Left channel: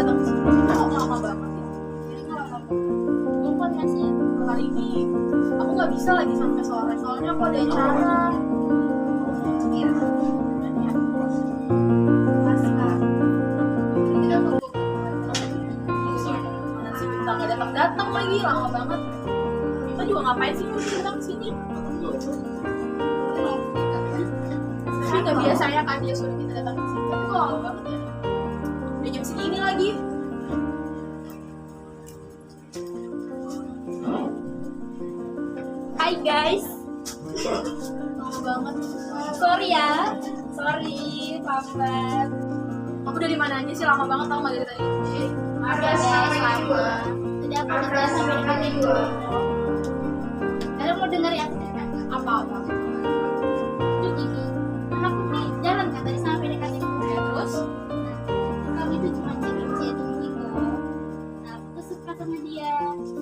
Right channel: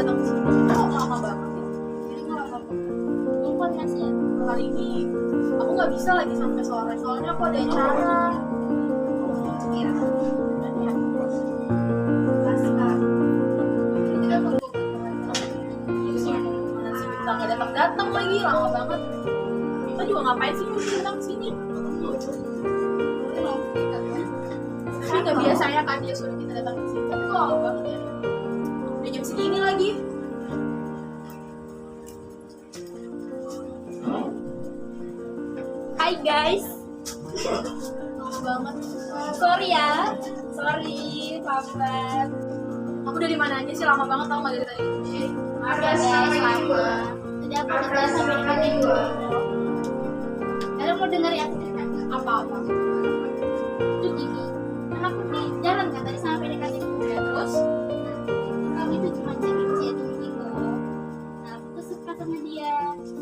datang ke sini kok lama banget ya? Jadi nggak lama banget. Bukan Mas ya. Hari ini aku nggak bisa lagi sampai sore soalnya aku ada acara. Iya. Kita tunggu mana sih kita nggak datang lagi lama banget. Kita juga ngapain sih mesti datang ke sini? Tapi nggak biasanya kan dia suruh kita datang ke sini. Tapi kok lama banget ya? Udah jam segini lagi. Hai guys. Lama banget. Sorry ya. Sorry, lambat. Aku dari mana aja sih lama banget tau nggak dari tadi? Ada lama. Jadi aku udah sampai dekat itu. Kalian mau dengar ya cerita Apa-apa? itu gini. Kan aku nih jalan kan tadi sampai dekat itu. Ya terus? Nah, kami itu cuma chatting gitu. Nah, aku tuh suka sama dia.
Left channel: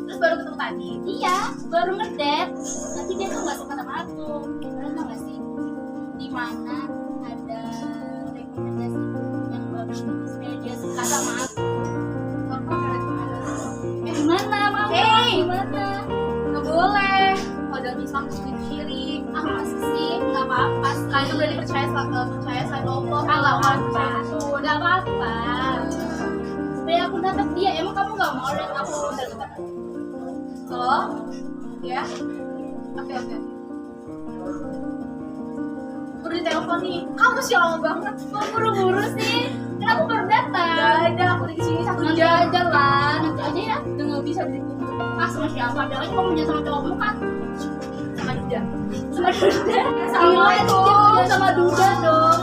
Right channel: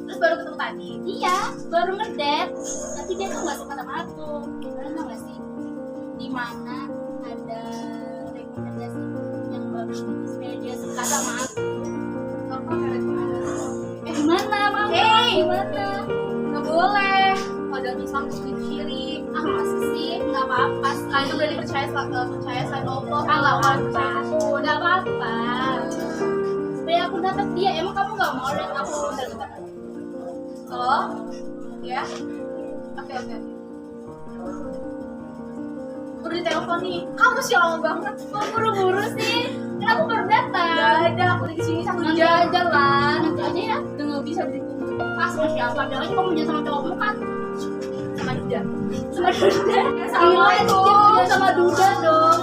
Terus baru ketemu tadi? Iya, baru ngedate. Tapi dia tuh nggak suka sama aku. Kalian tau nggak sih? Di mana ada rekomendasi yang bagus gitu supaya dia suka sama aku. Apa rekomendasi? Gimana, Mama? Hey! Gimana? Nggak boleh. Kalau Islam terus diciri. Ah, masa sih? Nggak apa-apa sih. Kalian tuh berarti percaya selain Allah. Ah, nggak apa-apa. Percaya itu. Nggak apa-apa. Supaya aku dapat dia. Emang kamu nggak mau lihat aku dapat? Oh, ya. Oke. Udah ditelepon nih. Kamu sih lama banget. Kok buru-buru sih? Kan aku baru datang. Gak ada. Aku di sini 1 Nanti jam. aja lah. Nanti aja ya. Udah nggak bisa ditunggu. Ah, sama siapa? Bilangnya kamu punya sama cowokmu kan? Sama Duda. Sama Duda. Sama Gila, itu. dia punya sama Duda dong.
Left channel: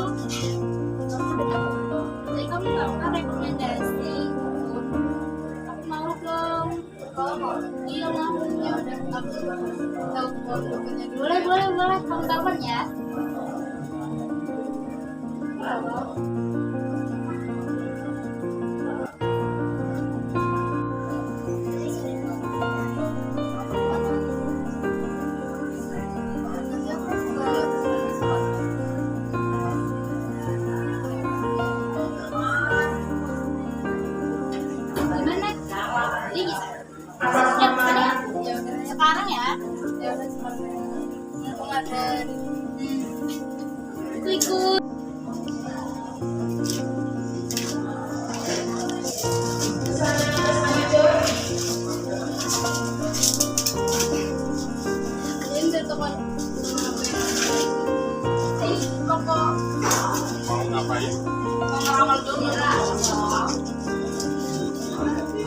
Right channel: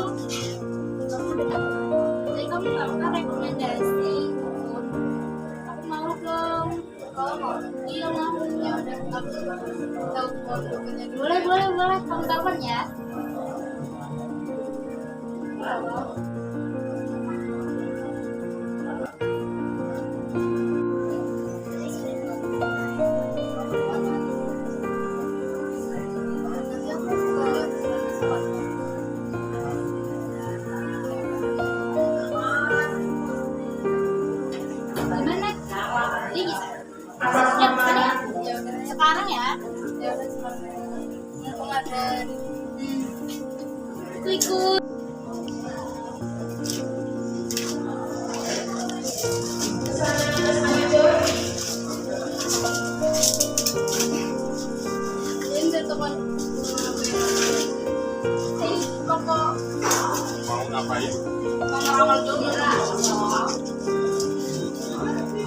Jadi kamu nggak pernah rekomendasi ikut. Aku mau dong. Kalau mau. Iya mau. Ya udah. Tahu fotonya dulu. Boleh. Kamu telepon ya. Nanti aku ke sekolah. Gimana? Jadi bisa. Ya, bukan ya? Ya udah. Sekarang ya. Ya udah sekarang. Mumpung ada Aku ikut. ini dari teman. Kok Mau ngapain? mau ngeramal dulu lah.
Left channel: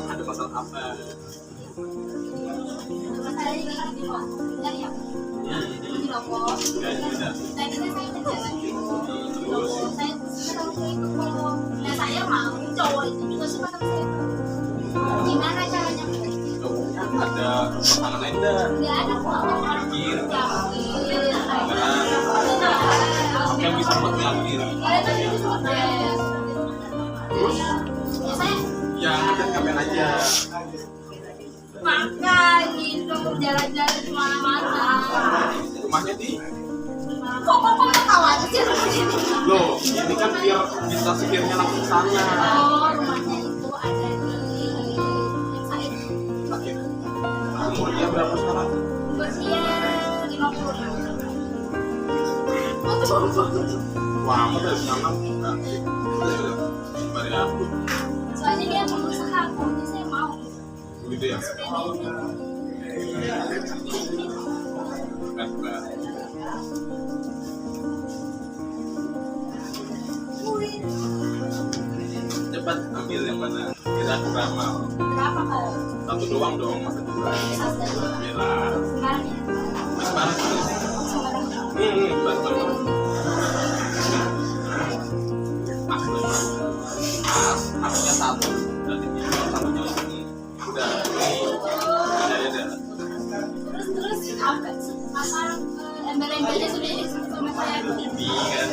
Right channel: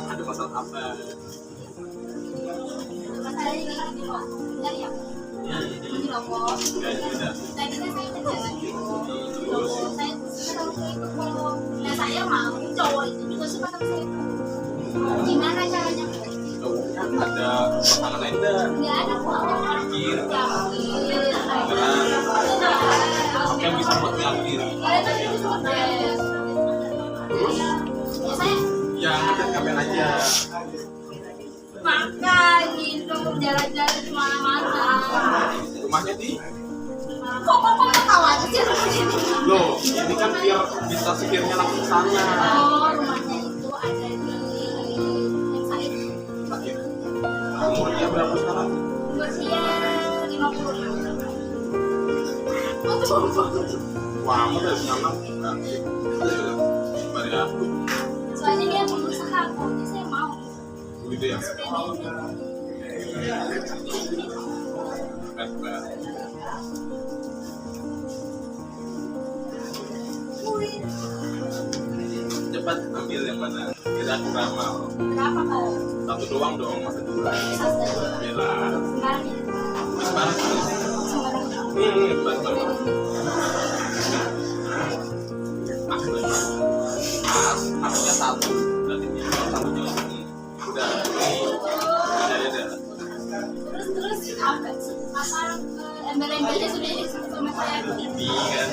Ada masalah apa? Masalah ini kok. Bentar ya. Ini loh kok. Ya sudah. Tadi kan saya udah jalan gitu. Saya suka itu kok. Nah, saya mau cowok itu juga suka sama saya. Gimana caranya? Cowoknya ada pasangan lain dah. Nggak ada kok. Mikir. Yakin. Apa yang bisa buat yakin? Kalian tadi itu sempat beres. Terus Ya saya ya ngajak ngapain aja. makan gitu, jalan-jalan kemana-mana. Rumahnya di Kok tahu aja sih rumahnya ini? loh. Ini kan biar bisa sekiranya langsung sana. Oh, rumahnya itu ada di Said. Sakit. Umur dia berapa sekarang? Usia 50. Oh tuh banget. Wah, kamu udah punya anak bukan? Bari aku. Soalnya dia pengusaha aku, jadi saya mau. Gitu ya. Bukan. Cepat ambil yang mana? Kira aku ramal. Berapa kau? Satu doang dong, masa dua. Bila. Sekarang ya? Mas mana sih? Betul. Pas, akunya satu, berarti dia satunya ini. Udah, ya. Terus apa embel-embelnya sudah sama saya. Ini kan,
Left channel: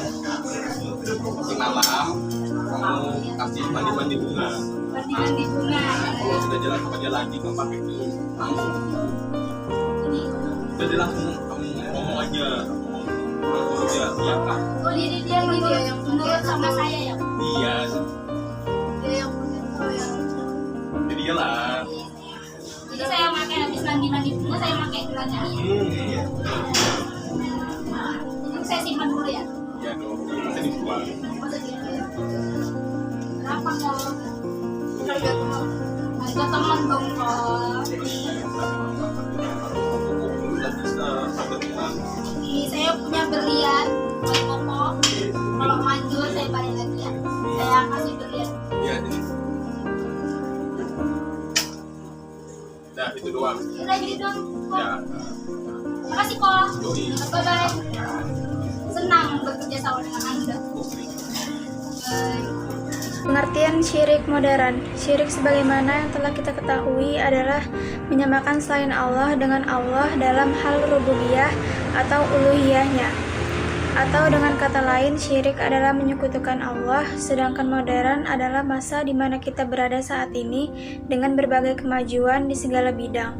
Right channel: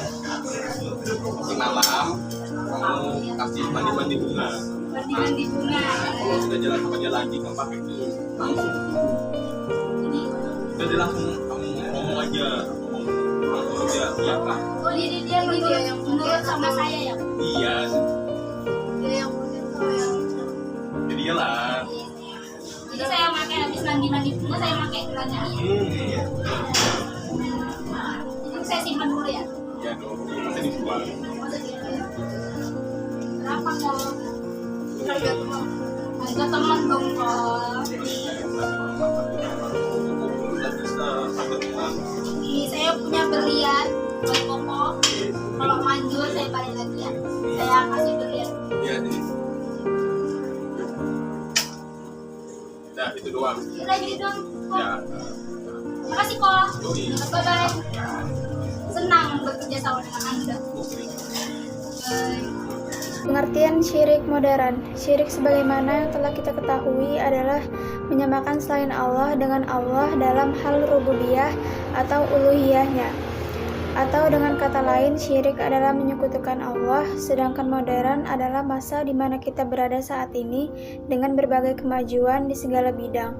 si malam, kamu kasih mandi bunga. Bandingan di bunga. Kalau sudah jalan sama dia lagi, kamu pakai itu langsung. Jadi, Udah dia langsung kamu ngomong aja, langsung dia iya kak. oh dia gitu Dia yang menurut sama saya ya. Iya. Dia yang mungkin kalau yang sampai habis mandi pun saya pakai gelang ini. Iya. Ini saya simpan dulu ya. Iya dong, bisa dijual. Berapa kok? Harga teman. Harga teman dong kok. Ini saya punya berlian buat Koko. Kalau manjur saya balik lagi ya. Saya kasih berlian. Iya, jadi. Nah, itu doang. Udah gitu dong. Kok. Ya. Makasih kok. Yoi. Bye bye. Senang bekerja sama dengan Anda. Bye. Pengertian syirik modern. Syirik sebagaimana yang telah kita ketahui adalah menyamakan selain Allah dengan Allah dalam hal rububiyah atau uluhiyahnya. Atau dengan kata lain, syirik adalah menyekutukan Allah, sedangkan modern adalah masa di mana kita berada saat ini dengan berbagai kemajuan di segala bidang.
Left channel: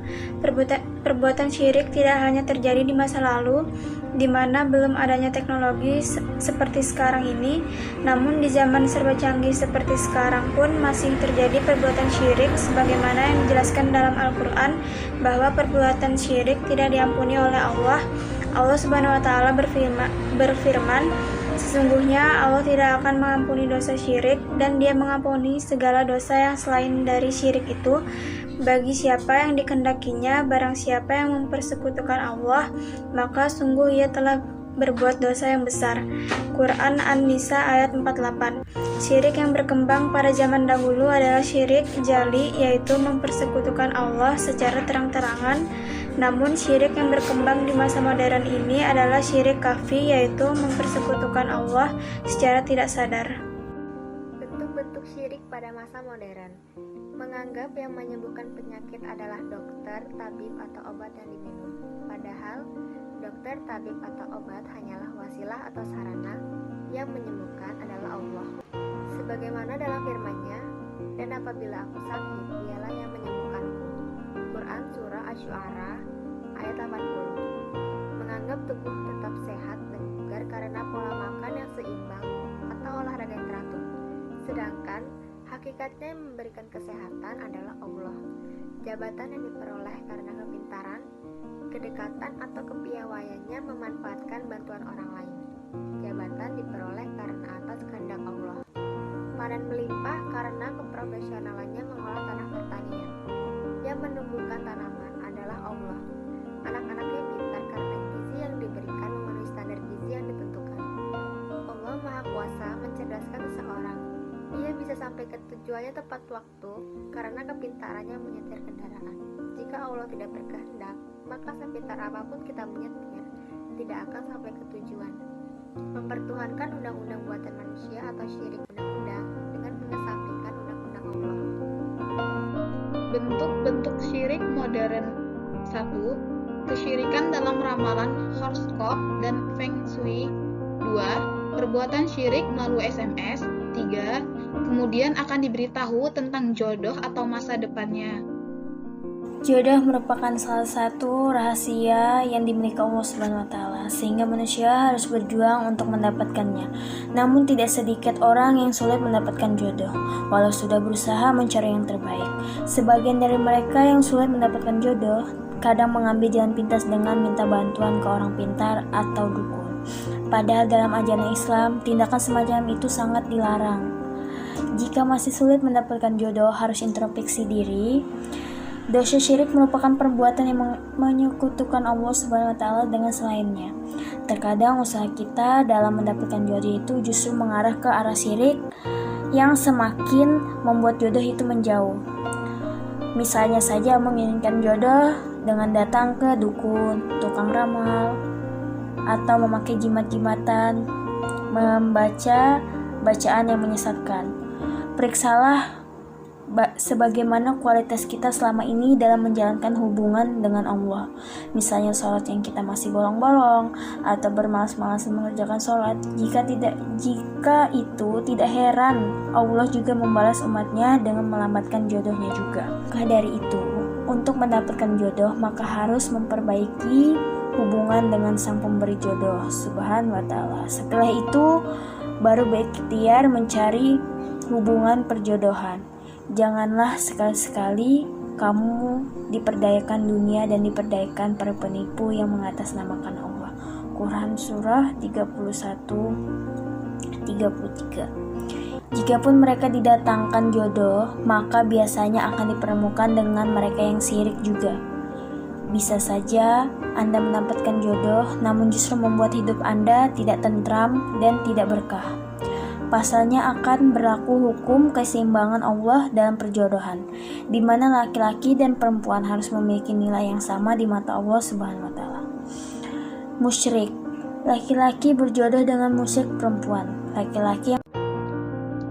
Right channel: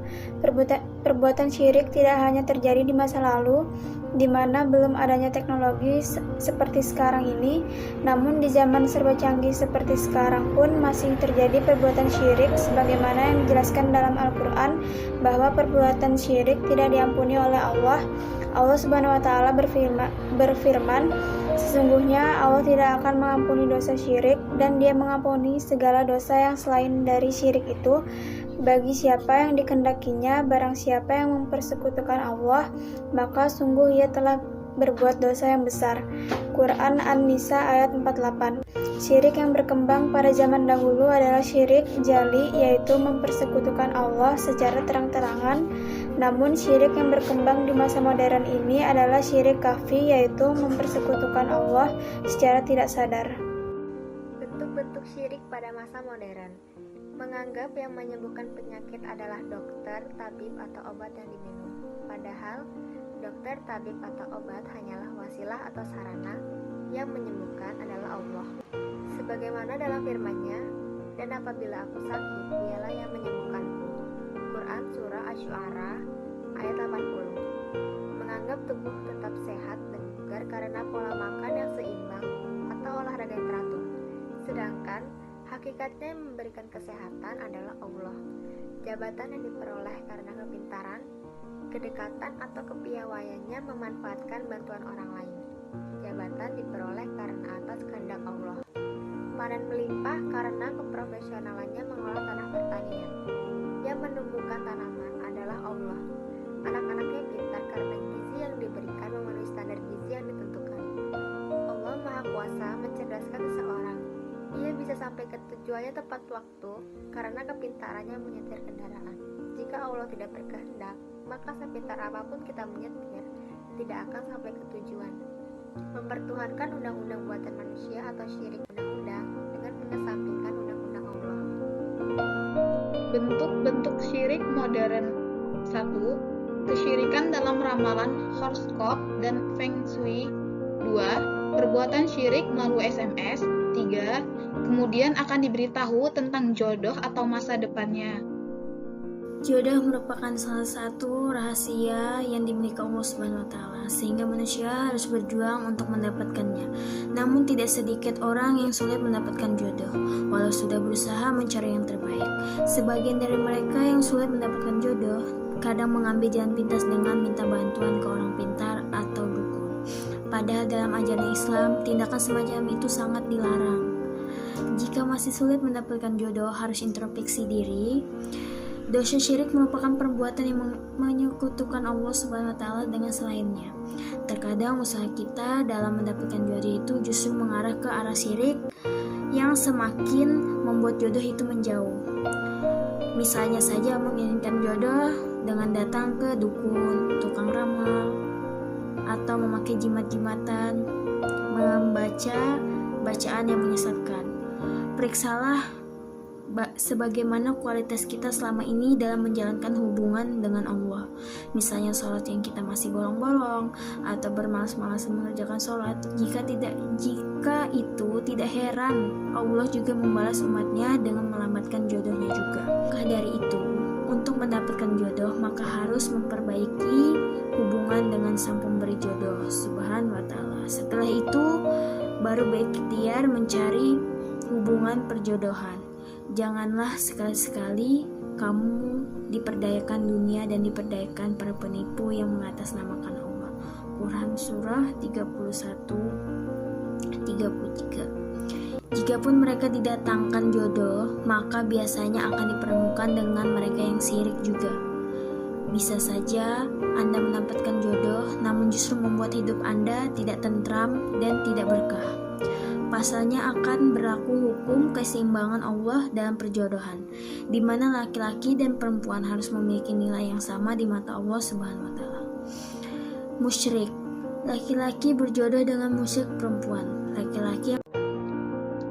Perbuatan syirik tidak hanya terjadi di masa lalu, di mana belum adanya teknologi seperti sekarang ini, namun di zaman serba canggih seperti sekarang pun masih terjadi perbuatan syirik sebagaimana yang dijelaskan dalam Al-Quran bahwa perbuatan syirik tidak diampuni oleh Allah. Allah Subhanahu wa Ta'ala berfirman, sesungguhnya Allah tidak akan mengampuni dosa syirik dan Dia mengampuni segala dosa yang selain dari syirik itu bagi siapa yang dikehendakinya. Barang siapa yang mempersekutukan Allah, maka sungguh ia telah berbuat dosa yang besar. Quran An-Nisa ayat 48. Syirik yang berkembang pada zaman dahulu adalah syirik jali, yaitu mempersekutukan Allah secara terang-terangan. Namun syirik yang berkembang di masa modern ini adalah syirik kafi, yaitu mempersekutukan Allah secara tidak sadar. Bentuk-bentuk syirik pada masa modern: menganggap yang menyembuhkan penyakit adalah dokter, tabib, atau obat yang diminum. Padahal, dokter, tabib, atau obat hanyalah wasilah atau sarana, yang menyembuhkan adalah Allah. Sebagaimana dalam firman-Nya, dan apabila aku sakit, Dialah yang menyembuhkanku. Quran Surah Asy-Syu'ara ayat 80. Menganggap tubuh tetap sehat dan bugar karena pola makan yang seimbang atau olahraga yang teratur. Sedangkan hakikatnya yang memberikan kesehatan adalah Allah. Jabatan yang diperoleh karena kepintaran, kedekatan atau kepiawaiannya memanfaatkan bantuan orang lain. Jabatan diperoleh karena atas kehendak Allah. Panen melimpah karena keprofesionalannya mengolah tanah pertanian. Yang menumbuhkan tanaman adalah Allah. Anak-anaknya pintar karena gizi yang diberikan memenuhi standar gizi yang ditentukan. Allah Maha Kuasa mencerdaskan seseorang. Ia bisa sampai ke tujuannya tepat waktu karena kepintarannya menyetir kendaraan. Jika Allah tidak berkehendak, maka sepintar apapun kita menyetir, tidak akan sampai ke tujuan. Mempertuhankan undang-undang buatan manusia atau syirik undang-undang dengan mengesampingkan undang-undang Allah. Bentuk-bentuk syirik modern. 1. Kesyirikan dalam ramalan, horoskop, dan feng shui. 2. Perbuatan syirik melalui SMS. 3. Kemudian akan diberitahu tentang jodoh atau masa depannya. Jodoh merupakan salah satu rahasia yang dimiliki Allah Subhanahu wa Ta'ala, sehingga manusia harus berjuang untuk mendapatkannya. Namun tidak sedikit orang yang sulit mendapatkan jodoh, walau sudah berusaha mencari yang terbaik. Sebagian dari mereka yang sulit mendapatkan jodoh, kadang mengambil jalan pintas dengan minta bantuan ke orang pintar atau dukun. Padahal dalam ajaran Islam, tindakan semacam itu sangat dilarang. Jika masih sulit mendapatkan jodoh, harus introspeksi diri. Dosa syirik merupakan perbuatan yang menyekutukan Allah Subhanahu wa Ta'ala dengan selainnya. Terkadang usaha kita dalam mendapatkan jodoh itu justru mengarah ke arah syirik yang semakin membuat jodoh itu menjauh. Misalnya saja menginginkan jodoh dengan datang ke dukun, tukang ramal, atau memakai jimat-jimatan, membaca bacaan yang menyesatkan. Periksalah sebagaimana kualitas kita selama ini dalam menjalankan hubungan dengan Allah. Misalnya sholat yang kita masih bolong-bolong atau bermalas-malasan mengerjakan sholat. Jika itu tidak heran Allah juga membalas umatnya dengan melambatkan jodohnya juga. Maka dari itu, untuk mendapatkan jodoh maka harus memperbaiki hubungan dengan sang pemberi jodoh Subhanahu wa Ta'ala. Setelah itu baru berikhtiar mencari hubungan perjodohan. Janganlah sekali-sekali kamu diperdayakan dunia dan diperdayakan para penipu yang mengatasnamakan Allah. Quran Surah 31-33. Jikapun mereka didatangkan jodoh, maka biasanya akan dipertemukan dengan mereka yang syirik juga. Bisa saja Anda mendapatkan jodoh, namun justru membuat hidup Anda tidak tentram dan tidak berkah. Pasalnya akan berlaku hukum keseimbangan Allah dalam perjodohan, di mana laki-laki dan perempuan harus memiliki nilai yang sama di mata Allah Subhanahu wa Ta'ala. Musyrik, laki-laki berjodoh dengan musyrik perempuan. Laki-laki yang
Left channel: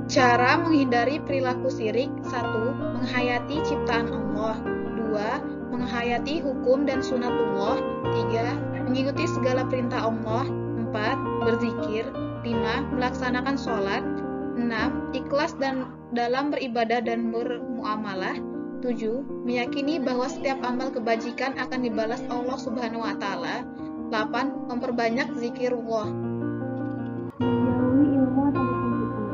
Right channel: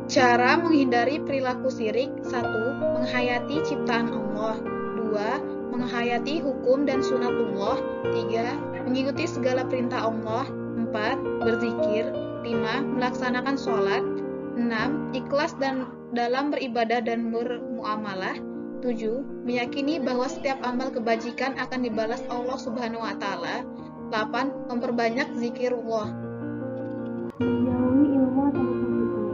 Cara menghindari perilaku syirik: 1. Menghayati ciptaan Allah. 2. Menghayati hukum dan sunatullah. 3. Mengikuti segala perintah Allah. 4. Berzikir. 5. Melaksanakan sholat. 6. Ikhlas dalam beribadah dan bermuamalah. 7. Meyakini bahwa setiap amal kebajikan akan dibalas Allah Subhanahu wa Ta'ala. 8. Memperbanyak zikirullah. Menjauhi ilmu atau kesyirikan.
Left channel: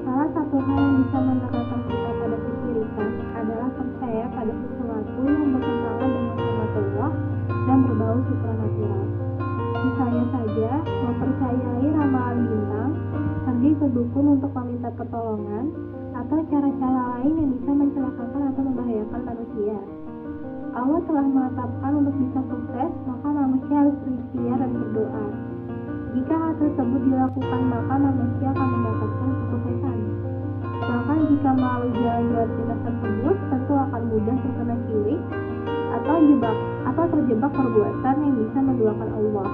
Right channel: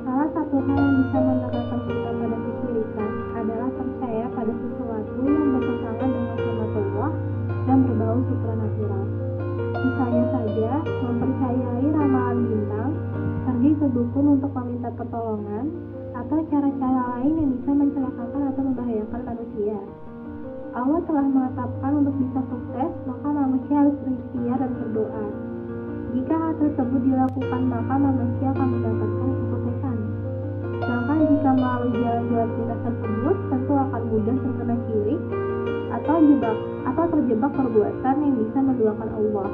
Salah satu hal yang bisa mendekatkan kita pada kesyirikan adalah percaya pada sesuatu yang bertentangan dengan sunatullah dan berbau supranatural. Misalnya saja, mempercayai ramalan bintang, pergi ke dukun untuk meminta pertolongan, atau cara-cara lain yang bisa mencelakakan atau membahayakan manusia. Allah telah menetapkan untuk bisa sukses, maka manusia harus berikhtiar dan berdoa. Jika hal tersebut dilakukan, maka manusia akan mendapatkan kesuksesan. Sedangkan jika melalui jalan-jalan pintas tersebut, tentu akan mudah terkena syirik atau terjebak perbuatan yang bisa menduakan Allah.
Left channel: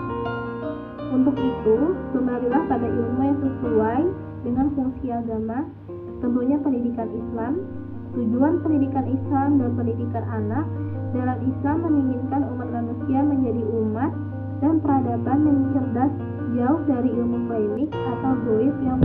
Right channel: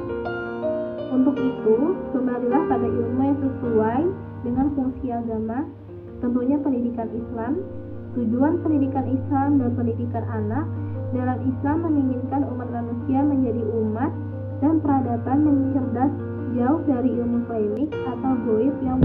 Untuk itu, kembalilah pada ilmu yang sesuai dengan fungsi agama, tentunya pendidikan Islam. Tujuan pendidikan Islam dan pendidikan anak dalam Islam menginginkan umat manusia menjadi umat dan peradaban yang cerdas, jauh dari ilmu klinik atau goib yang